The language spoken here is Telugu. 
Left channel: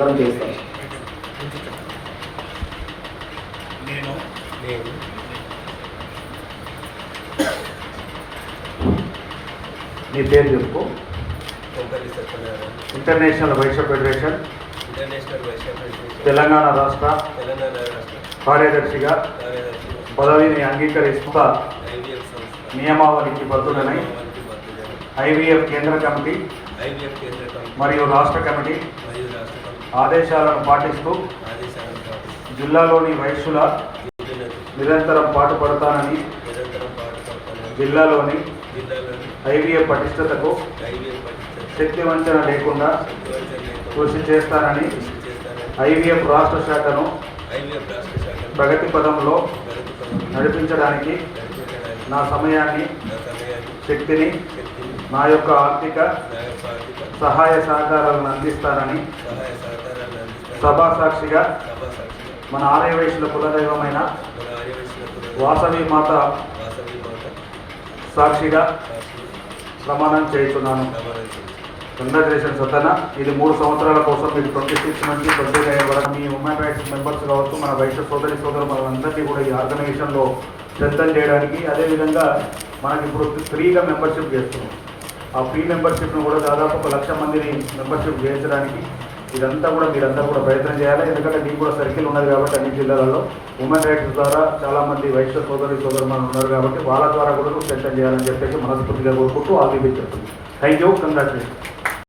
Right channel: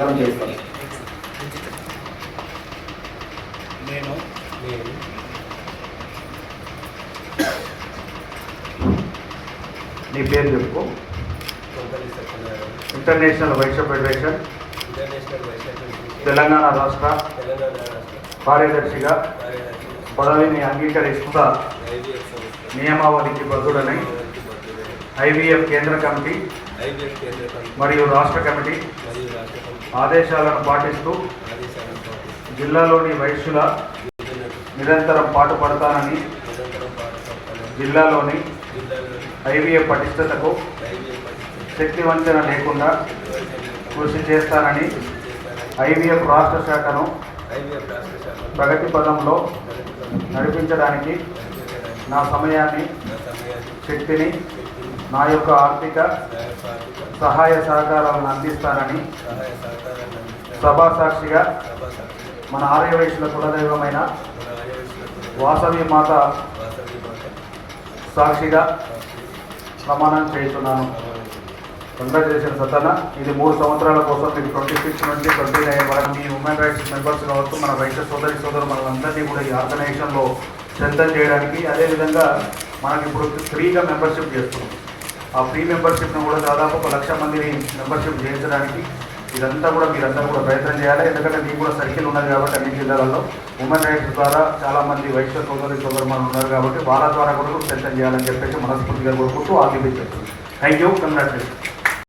మనం చేస్తాం. నేను నీ పేరు చెప్పు. ఇంటర్నేషనల్ వైశ్య ఫెడరేషన్ తెలంగాణ రాష్ట్ర కార్యదర్శిగా పదవిని అంగీకరిస్తా నియమావళికి బద్దుడనై ఐవీఎఫ్ కేంద్ర కమిటీ మరియు రాష్ట్ర కమిటీ ఆదేశాలను పాటిస్తూ జిల్లాలోని వైశ్యుల నిరంతరం పాటుపడతానని జిల్లాలోని ఐవీఎఫ్ పటిష్టతకు శక్తి వంచన లేకుండా కృషి చేస్తానని ఐవీఎఫ్ రాష్ట్ర శాఖను ప్రగతి పదంలో నడిపించడానికి నా సమయాన్ని శక్తిని నా యొక్క ఆర్థిక సహాయ సహకారాలను అందిస్తానని సభాసాక్షిగా మన ఆర్యవైశ్యుల కులదైవమైన వాసవి మాత సాక్షిగా ప్రమాణం చేస్తున్నాను. కంగ్రాచులేషన్స్ అతన. ఇది 3 సంవత్సరాల కోసం మీకు 26 నుంచి 29 వరకు మీ హ్యూమన్ రైట్స్ మెంబర్స్ కావచ్చు, మన వైశ్య సోదరులందరినీ కూడా ఈ ఆర్గనైజేషన్లో స్ట్రెంథన్ చేయడానికి, అదేవిధంగా మనకి ఇప్పుడు ఫ్రీగా మెంబర్షిప్ చేస్తున్నాం. ఆ ఫ్రీ మెంబర్షిప్ను కూడా దాదాపు 1,00,000 మందిని మెంబర్షిప్ చేయించడానికి ఇదంతా కూడా మీరంతా కూడా ప్రయత్నం చేయాలి. ఎందుకంటే మీకు కూడా సర్కిల్ ఉన్నది కాబట్టి అన్ని జిల్లాలలో హ్యూమన్ రైట్స్ ద్వారా చాలామంది వైశ్య సోదరులు ఉన్నారు కాబట్టి వాళ్ళ ద్వారా కూడా స్ట్రెంథన్ చేయాలని చెప్పేసి మనస్ఫూర్తిగా కోరుకుంటూ all the best. Thank you. Congratulation.